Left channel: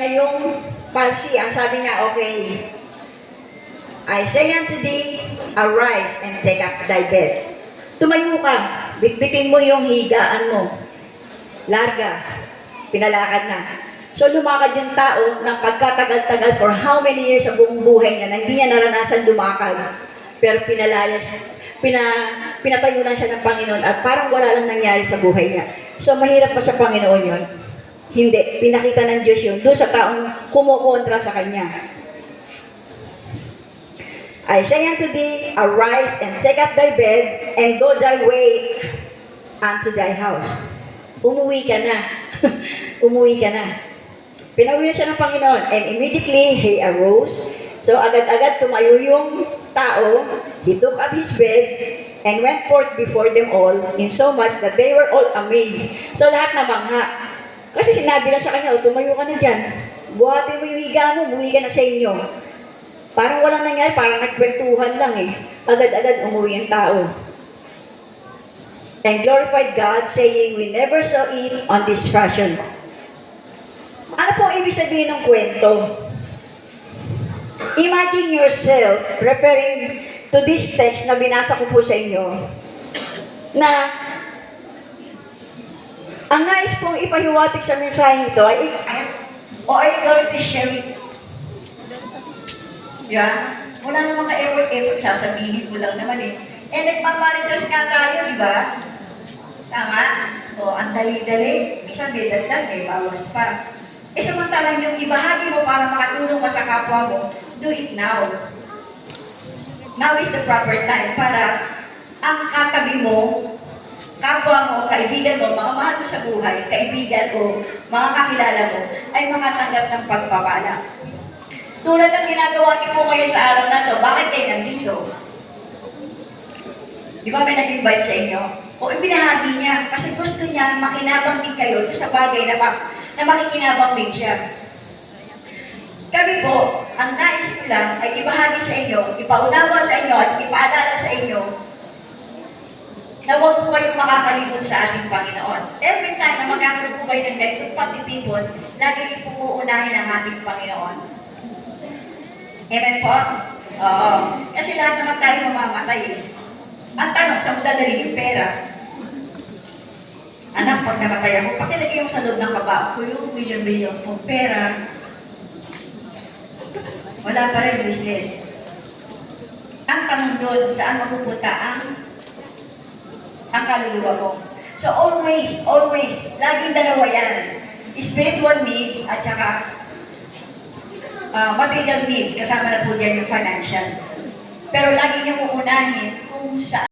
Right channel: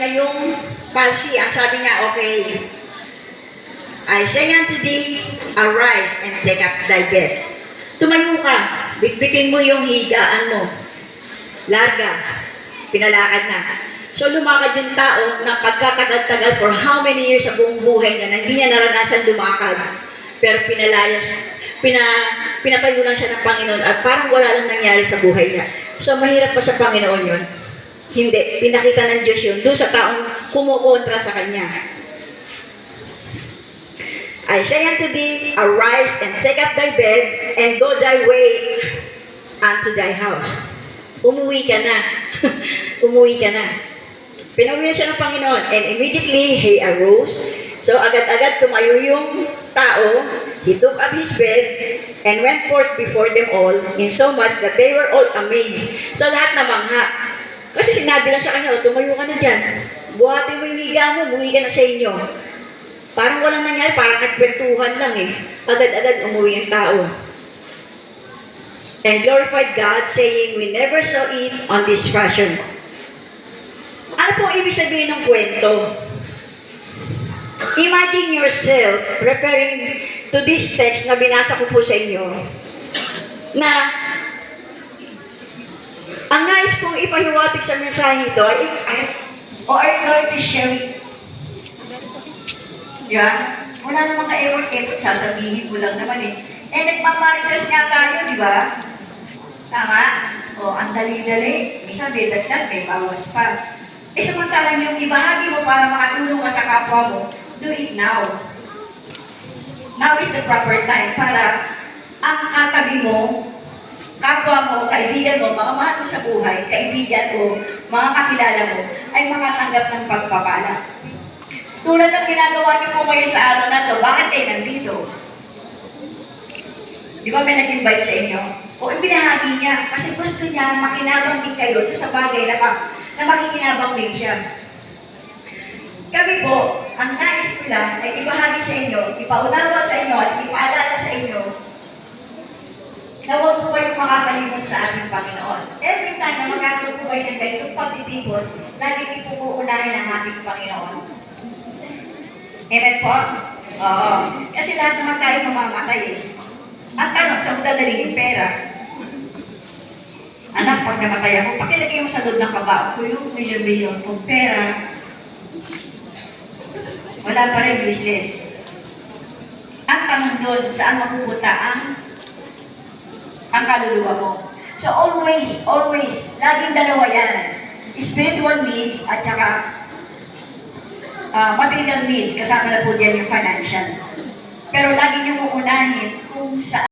niya yung palsy. Ang sabi niya, okay, I say unto thee, arise and take up thy bed. Tumayo ka, bitbitin mo yung higaan mo. Larga, pinalakad na. So lumakad yung tao ng pagkatagal-tagal for how many years sa buong buhay na hindi niya naranasan lumakad. Pero pinatayo lang siya ng Panginoon at parang wala lang nangyari sa buhay niya. So mahirap pa sa Panginoon yun? Hindi. Pinakita ng Diyos yun doon sa taong kumukontra sa Kanya. I say unto thee, arise and take up thy bed and go thy way unto thy house. Umuwi ka na. Umuwi ka na. Pinauwi na siya ng Panginoon. And immediately, he arose. So agad-agad tumayo yung tao. He took up his bed and went forth before them all, in so much that they were all amazed. So lahat namangha. Kasi sinabi lang sa kanya, tumayo ka na dyan. Buhatin mo yung higa mo, umuwi ka na sa inyo. Parang walang nangyari, parang nagkwentuhan lang eh. Agad-agad umuwi ang tao. And glorified God, saying, we never saw it on this fashion. Ano pong ibig sabihin ng kwento? Imagine yourself referring to this text na binasa ko po sa inyo, na ang nais pong ipahiwatig sa mensahe ito ay, are you going to share it? Yan. Wala namang ka-effort, sasabihin ko lang naman eh. Eh, nagmamarites nga tayo, di ba? Tama? O, ang dali-dali. Minsan may dagdag, may bawas pa. Eh, samantalang yung ibahagi mo para makatulong ka sa kapwa mo, do it now. Now is the proper time para ang katabi mo, kapwa mo, kaibigan mo, mga mahal mo sa buhay, kaibigan o mga kakilala mo, ay makatanggap ng pagpapala. Tulad ng ginagawa niyo po kayo sa araw na to, bakit kayo nandito? Di ba may nag-invite sa inyo? O ibinahagi niya, kasi gusto niya makinabang din kayo sa bagay na makikinabang din siya. Kami po, ang nais ko lang ay ibahagi sa inyo, ipaunawa sa inyo at ipaalala sa inyo na huwag po kayong makakalimot sa ating Panginoon. Every time na magkakaroon po kayo ng ganitong pagtitipon, lagi din po uunahin ang ating Panginoon. Amen po? Oo. Kasi lahat naman tayo mamamatay eh. Ang tanong, sa dadali yung pera. Anak, pag namatay ako, pakilagay mo sa loob ng kabao ko yung milyon-milyon pong pera. Wala pa rin business. Ang tanong doon, saan mapupunta ang kaluluwa mo? So always, laging dalawa yan. Spiritual needs at saka material needs, kasama na po diyan yung financial. Pero lagi niyong uunahin kung saan